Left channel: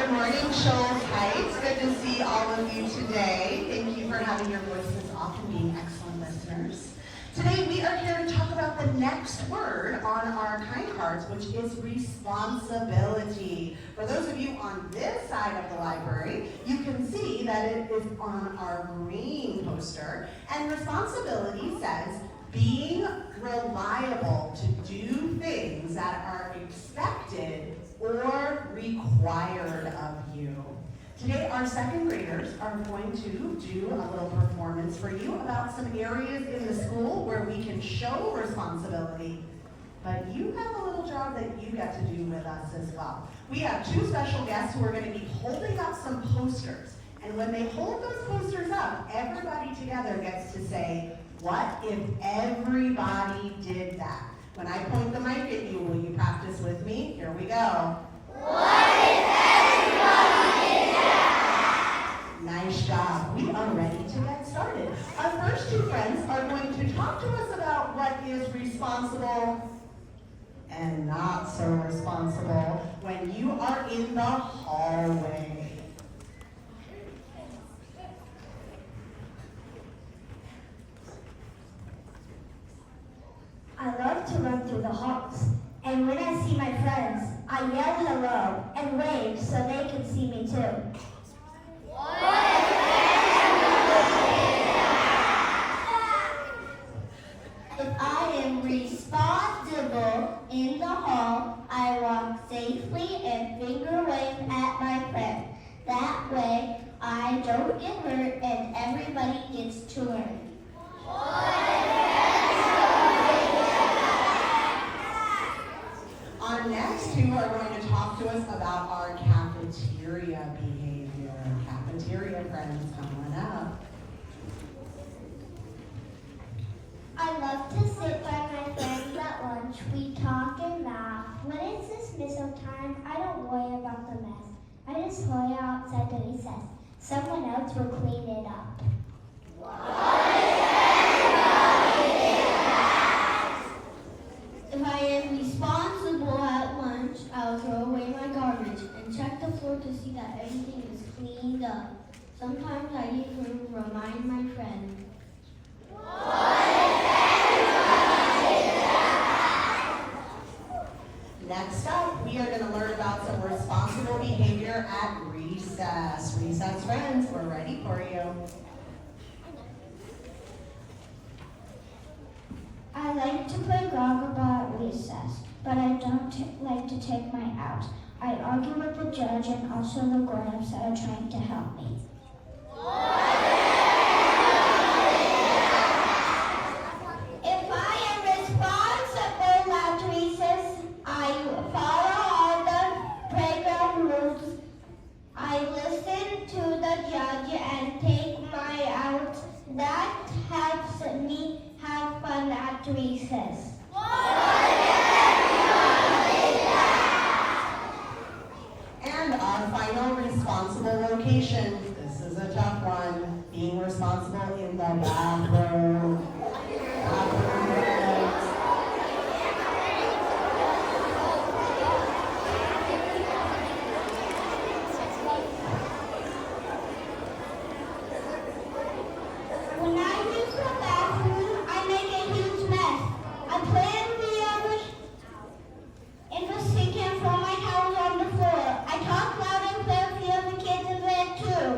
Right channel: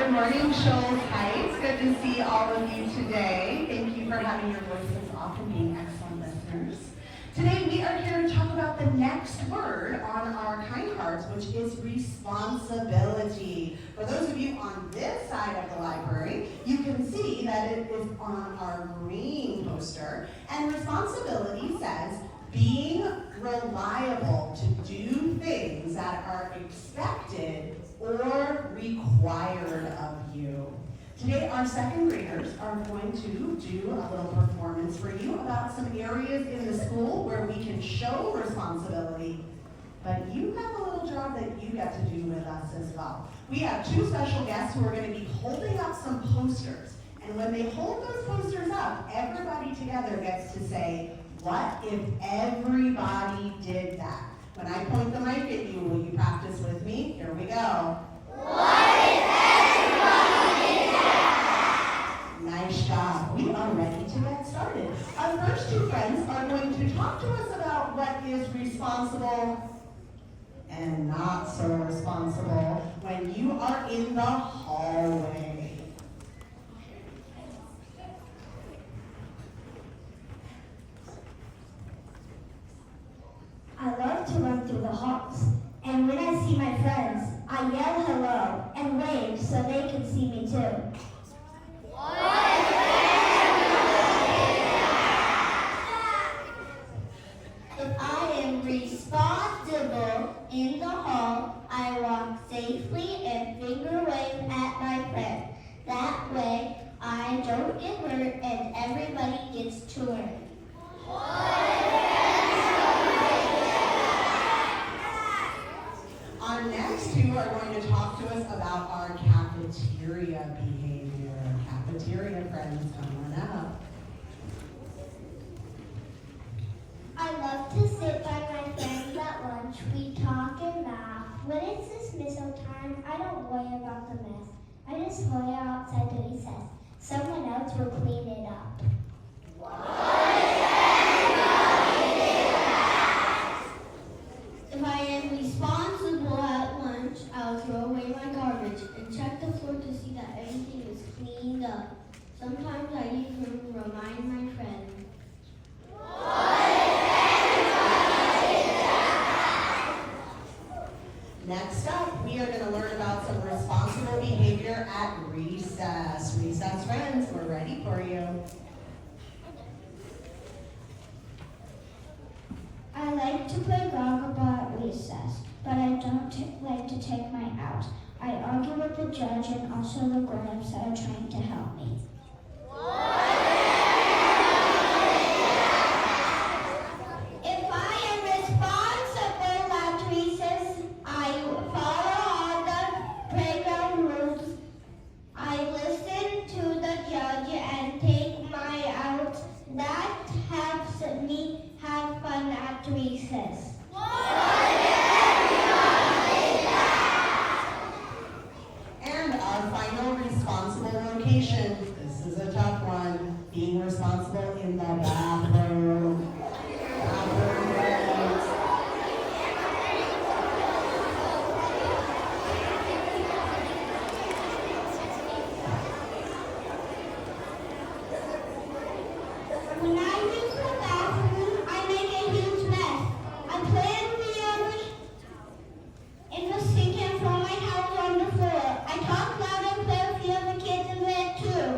Good morning, Shoals Heights. Good to see all of you today. Thank you for having your voices off and being excellent listeners. Today we are here to talk about the next word on our kind cards, which is responsibility. For those of you on this side of the library, you can see that it is on our green poster. And responsibility says being reliable to do things that are expected or required of you. Today, our second graders are going to do a little performance for you about some areas in the school where we can show responsibility, but you have a little job that you get to do with us as well. We have two special guests who are going to be holding up some posters, and when they hold those posters up, everybody together gets to say, what if everybody did that? When I point the mic at you, will you practice with me? Here we go. What if everybody did that? Nice job. We are ready to get started. Our first two friends are going to talk to us about what is responsible and not so responsible when you are in the hallway. I love to run through the halls, and when I see my friends, I yell hello and wave so they can see me too. What if everybody did that? If I am responsible in the hall, I walk safely and finger wave at my friend. That way, I don't get hurt and everybody gets to learn. Our next two are going to talk to us about our cafeteria behavior. Cafeteria friends, come on up. I love to sit by my friends at lunch. We talk and laugh. When it's dismissal time, I don't worry about the mess. I just hurry outside the recess. Someone else will clean it up. If I am responsible at lunch, I'll throw away my garbage and check the floor to see that everything is cleaned up. Sometimes I even remind my friend. Next up, we are going to learn about some responsible behavior at recess. Recess friends, we're ready for you. I like to play Goggleball at recess, but I don't like to take my out. I argue with the judge and also the grown-ups that are trying to help me. If I am responsible at recess, I follow all the playground rules. I listen to the judge and take my out. That helps me have fun at recess. And our final responsible location. This is a tough one. Being responsible in the bathroom. Bathroom breaks. When I use the bathroom, I make a huge mess. I plan in the sink and throw my towels on the floor. I talk loud and play with the other kids in bed too.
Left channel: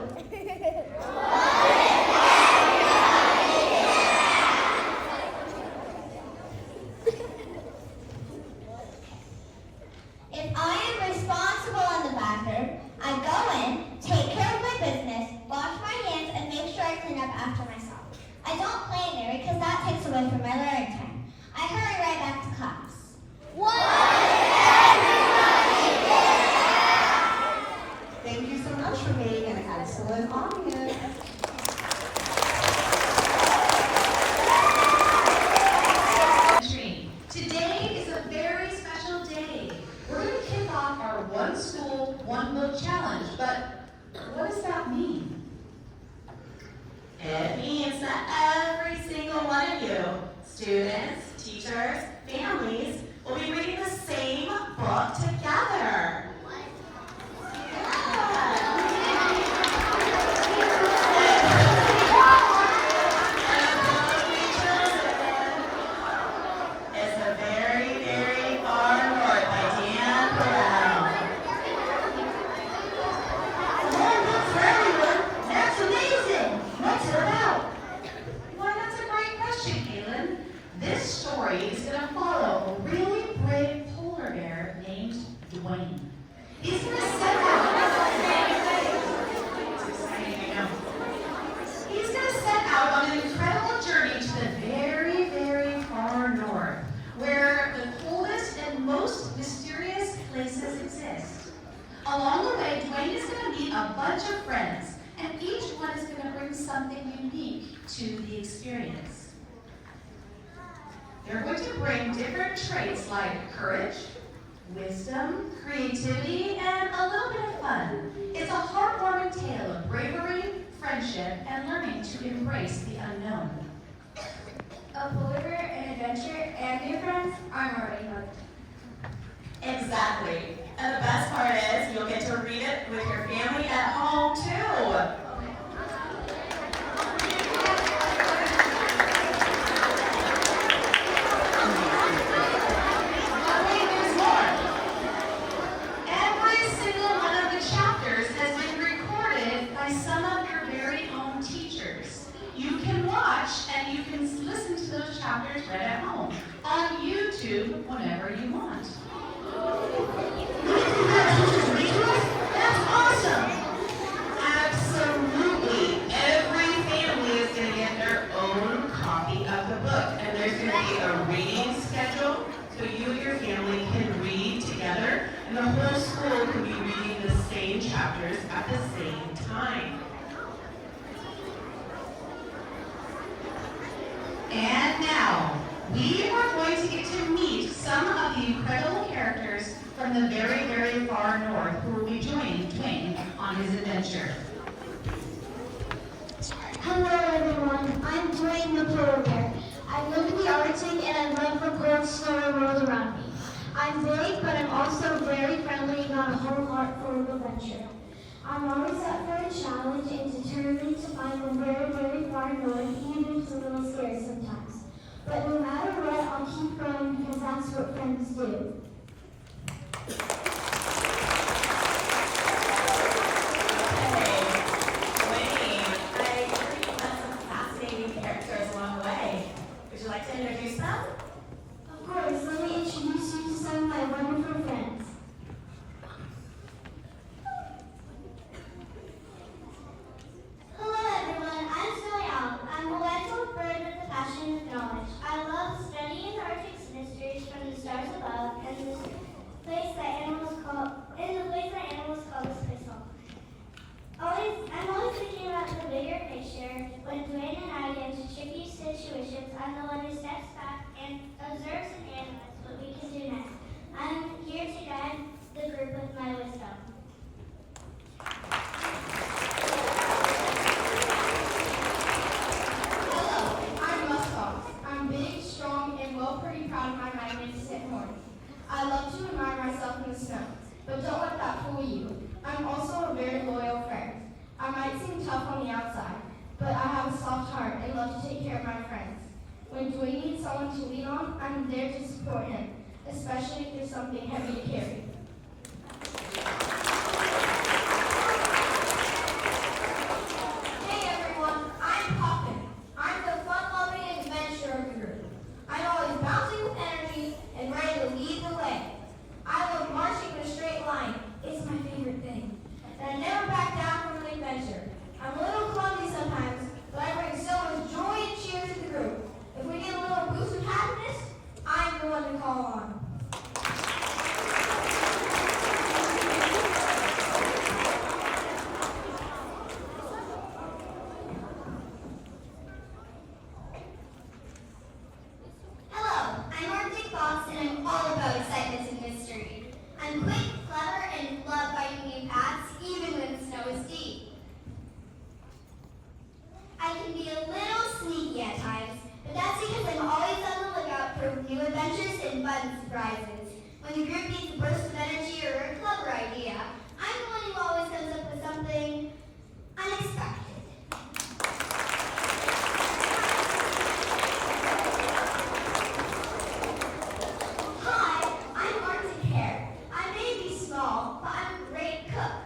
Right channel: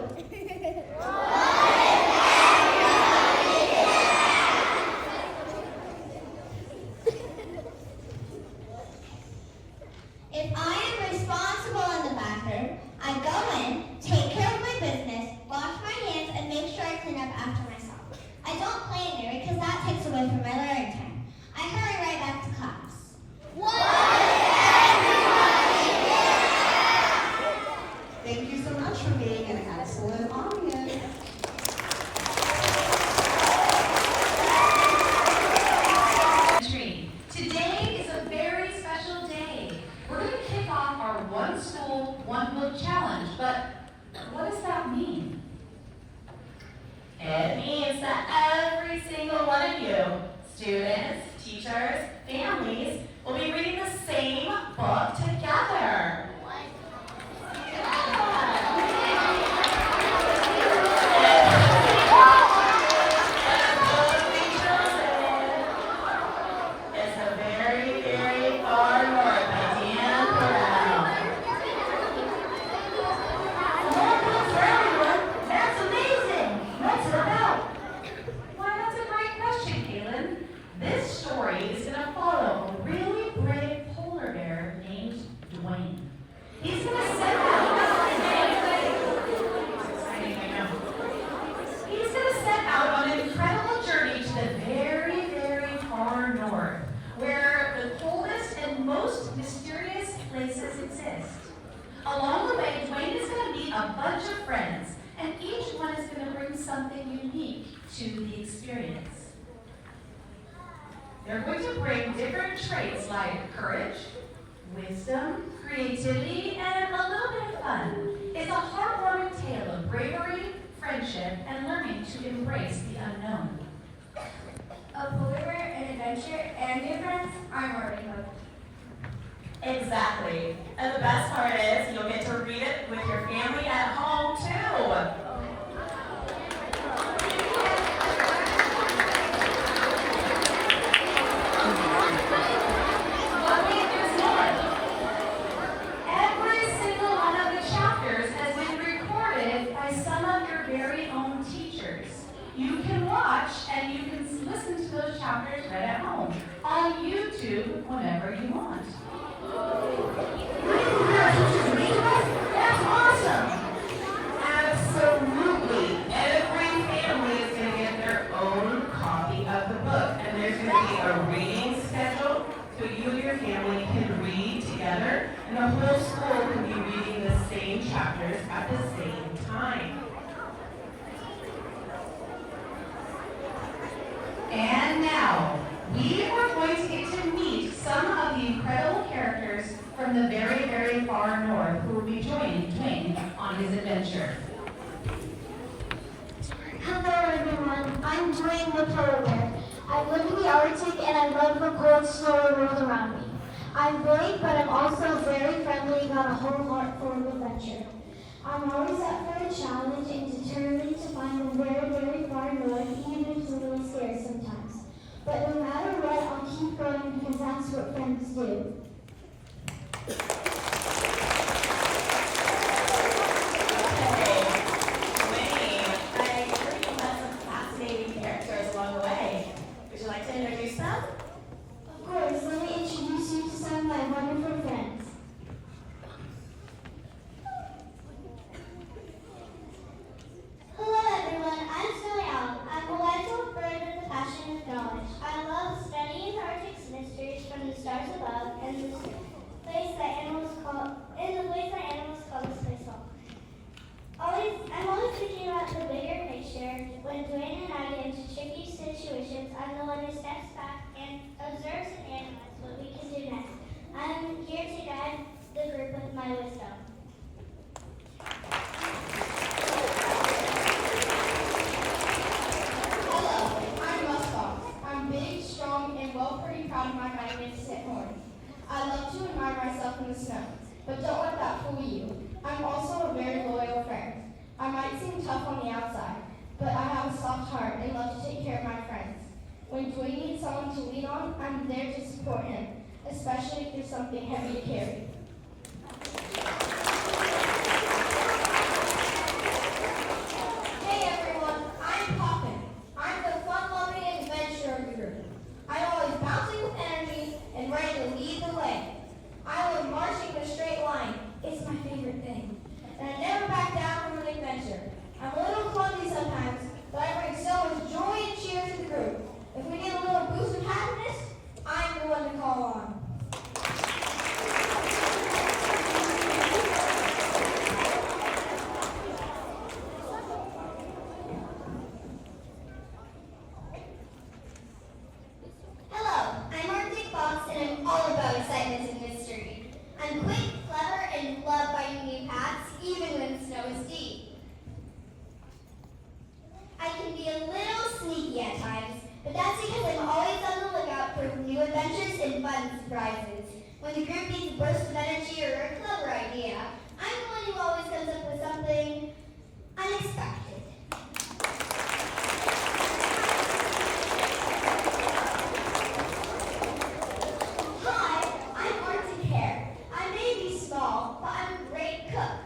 If I am responsible in the bathroom, I go in, take care of my business, wash my hands, and make sure I clean up after myself. I don't play in there because that takes away from my learning time. I hurry right back to class. Thank you so much for being an excellent audience. Today is a very special day. We're going to kick off our One School, One Will Challenge, but what does that mean? It means that every single one of you, students, teachers, families, will be reading the same book together. Yeah. Dwayne is going to meet a bunch of friends, and each one is going to bring something unique to the experience. They're going to bring different traits like courage, wisdom, creativity, and a little bit of fun. It's a heartwarming tale of bravery, friendship, and learning to embrace the unknown. A believer in adventure and new friends, I'm already hooked. Exactly. And the best part is you'll get to read it with your family at home too. But wait, there's more. Every single one of the chapters has been recorded by some of your very own teachers. You can watch and you can listen to those chapters right at home on YouTube whenever you want. That's awesome! Absolutely. Every family is going to get their own copy of the book. And there's going to be a reading schedule so you and your family can read together. And the whole school can be reading the same chapters at the same time. And now, we are going to get to meet some of the incredible characters from the very, very far north who will be joining Dwayne on his adventure. Hello everyone, I'm Dwayne the polar bear. I live in the Arctic and I love the cold, snowy world around me. I'm brave, but I'm also very friendly and got a whole heart full of adventure. I'm always up for a challenge and determined to find the very, very far north, even if it's a little scary sometimes. But no matter what, I'll keep going because that's what friends do. Of course, let me introduce you to some of my wonderful friends. Hello everyone, I'm Snowy Owl. I'm a white-tailed bird with a passion of knowledge. I love studying the Arctic's mysteries from the stars above and the place that animals call the space hole. I'm always thinking about the bigger picture. When Dwayne and I get into tricky situations, I'm the one who steps back and observes and analyzes what we can do next. I'm here to guide the group with my wisdom. Hello, I'm Muskox. I'm big, strong, and pretty proud of my magnificent horn. I love to admire myself in the snow, but don't let that fool you. I'm also a very loyal friend. I might seem tough on the outside, but I have a soft heart and love to take care of my friends. When Dwayne needs someone to lean on, I'm there to support him, especially if there's something heavy to carry. Hey everyone, I'm Poppin. I'm the fun-loving adventurer group. I'm always bouncing with energy and ready to lead the way. I love marching in a straight line. It's my favorite thing. And I never back down from an adventure. I'm a little clumsy sometimes, but I bring so much joy and cheer to the group. If we need a little boost of happiness, I'm the one to call on. Hello, I'm Arctic Fox and I'm all about excitement and mystery. I'm quick, clever, and love finding new paths even when snow is deep. I can be a little sneaky at times, but that's because I'm always on the lookout for new adventures and fun surprises. When the group needs a burst of energy or a clever idea, I'm the one who always comes up with something unexpected. Hi, I'm Arctic Hare. I may be small, but I'm a great cook.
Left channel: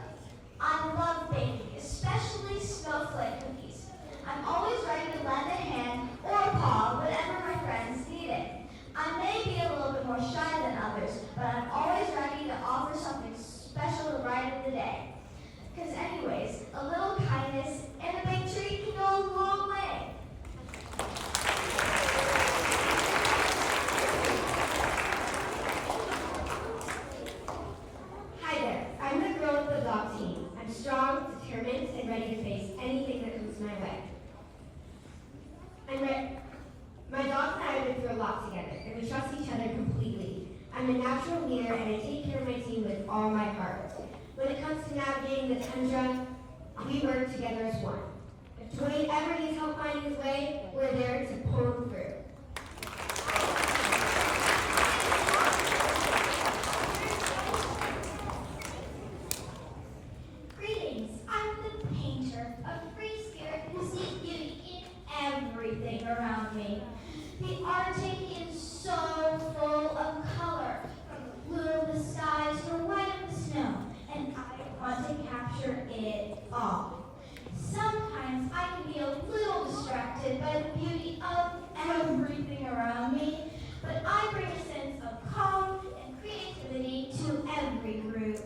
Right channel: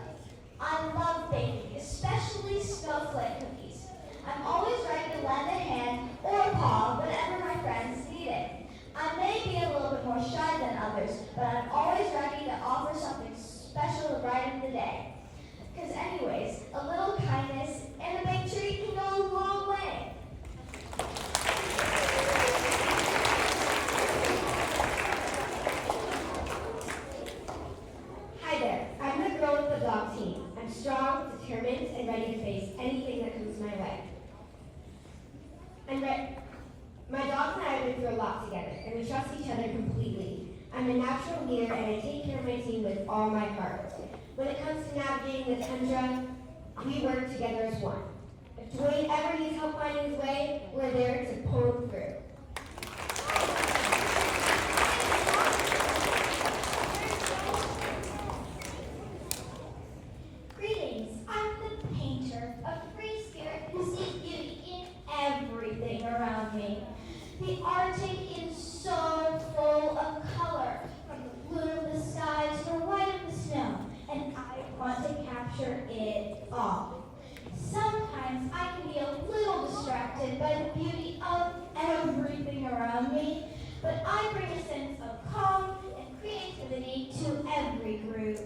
I love baking, especially snowflake cookies. I'm always ready to lend a hand or a paw whenever my friends need it. I may be a little bit more shy than others, but I'm always ready to offer something special to brighten the day. Because anyways, a little kindness and a big treat can go a long way. Hi there, I'm the girl with the dog team. natural leader and I take care of my team with all my heart. When it comes to navigating the tundra, we work together as one. If Dwayne ever needs help finding his way, we're there to pull him through. Greetings. I'm the painter, a free spirit who sees beauty in everything around me. The Arctic is so full of color, from the blue of the skies to the white of the snow, and I want to capture it all. Sometimes I can be a little distracted by the beauty of everything around me, but I bring a sense of calm and creativity to every group.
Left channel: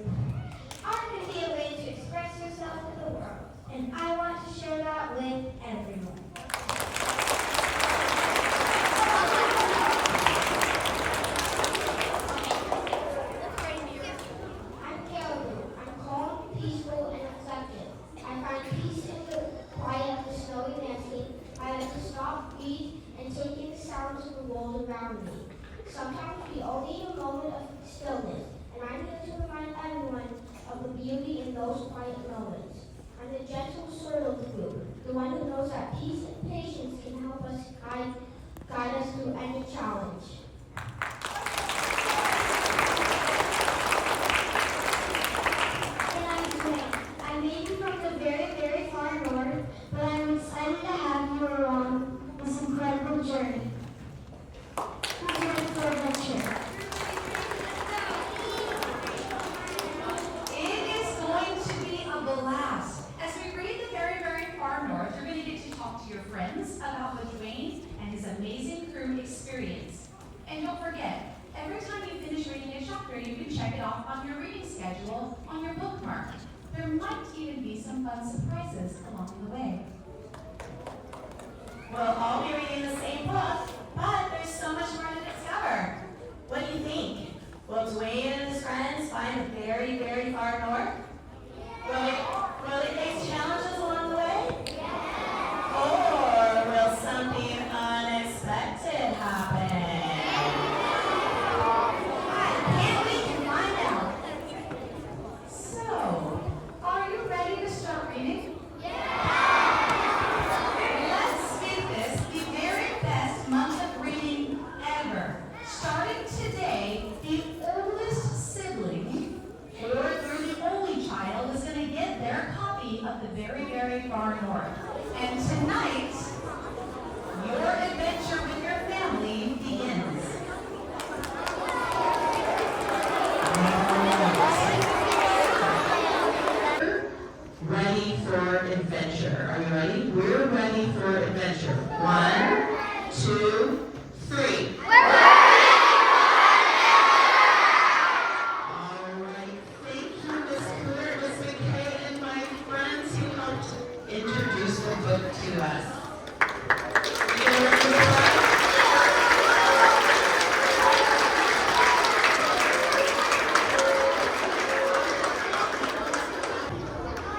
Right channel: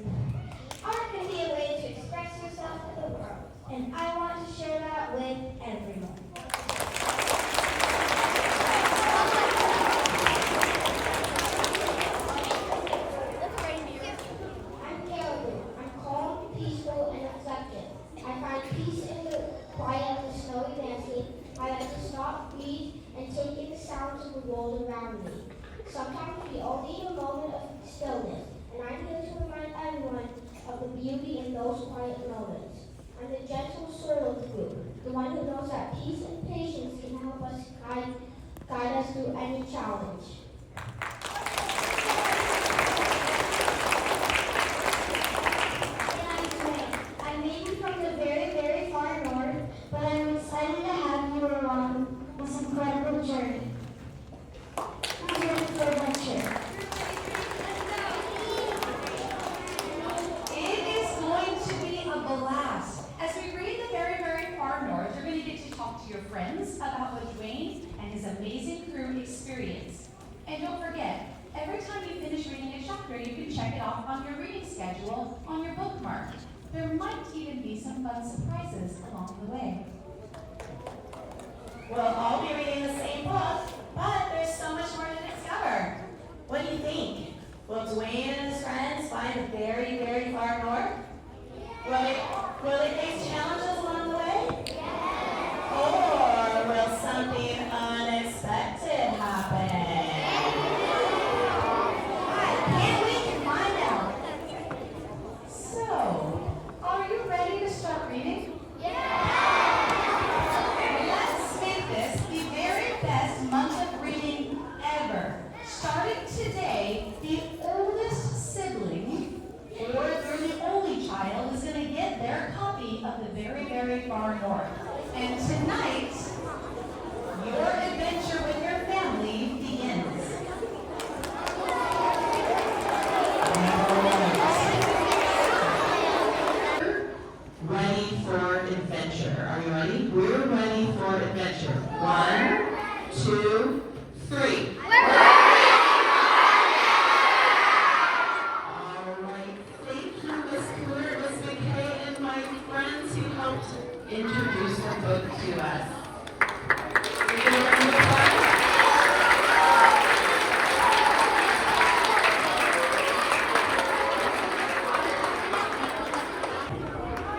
Art can be a way to express yourself to the world, and I want to share that with everyone. I'm Caribou. I'm calm, peaceful, and reflective. I find peace in the quiet of the snowy landscape. I like to stop, breathe, and take in the sounds of the world around me. Sometimes we all need a moment of stillness, and I'm here to remind everyone of the beauty in those quiet moments. I'm the gentle sort of the group, the one who knows that peace and patience can help us guide us through any challenge. I may be from the very, very far north, but I'm excited to have you along this incredible journey. I'm ready for adventure. It is going to be a blast. As we read the very, very far north, you're going to get to talk to your friends about what Dwayne and his amazing crew experienced. And don't forget, every time you finish reading a chapter, you can check it off on your reading schedule on your bookmark. There might even be some fun surprises along the way. We'll all be reading the same book, but there's so much more to discover. What do you think? Will Dwayne and his friends find the very, very far north? Will they face challenges along the way? Or will something unexpected happen? I can't wait to find out. So, are you ready to start reading? Let's make this the very best month of reading ever. Starting today, the oldest sibling, or the only child, is going to get their copy of the very, very far north. And tonight, your adventure with your family begins. Ready for adventure. Are you ready? We're ready for adventure. 1, 2, 3. All right. Thank you, Miss Cooler, Miss McKay, and my friends who helped introduce the book to us. We give a round of applause.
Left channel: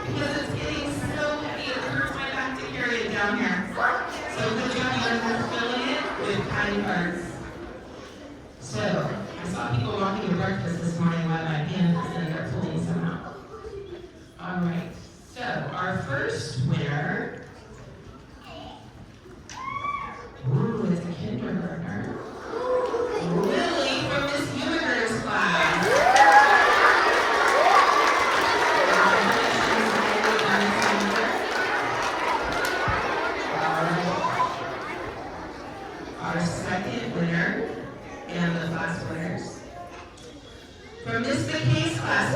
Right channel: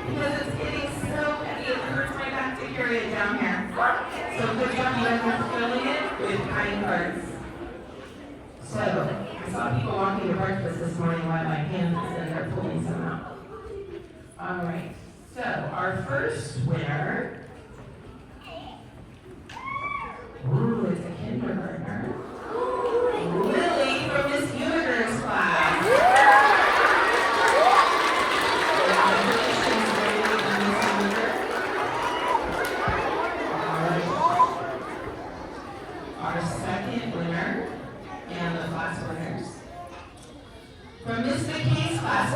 Because it's getting so heavy, it hurts my back to carry it down here. So good job, you guys are filling it with kind words. So, I saw people walking to breakfast this morning while my hand was in there pulling some out. All right, so our first winner. Ooh, it's a kindergartner. Lily from Miss Mumager's class. Congratulations, Lily and Miss Mumager. All right. Our second winner and the class winners. From Miss McKay's class,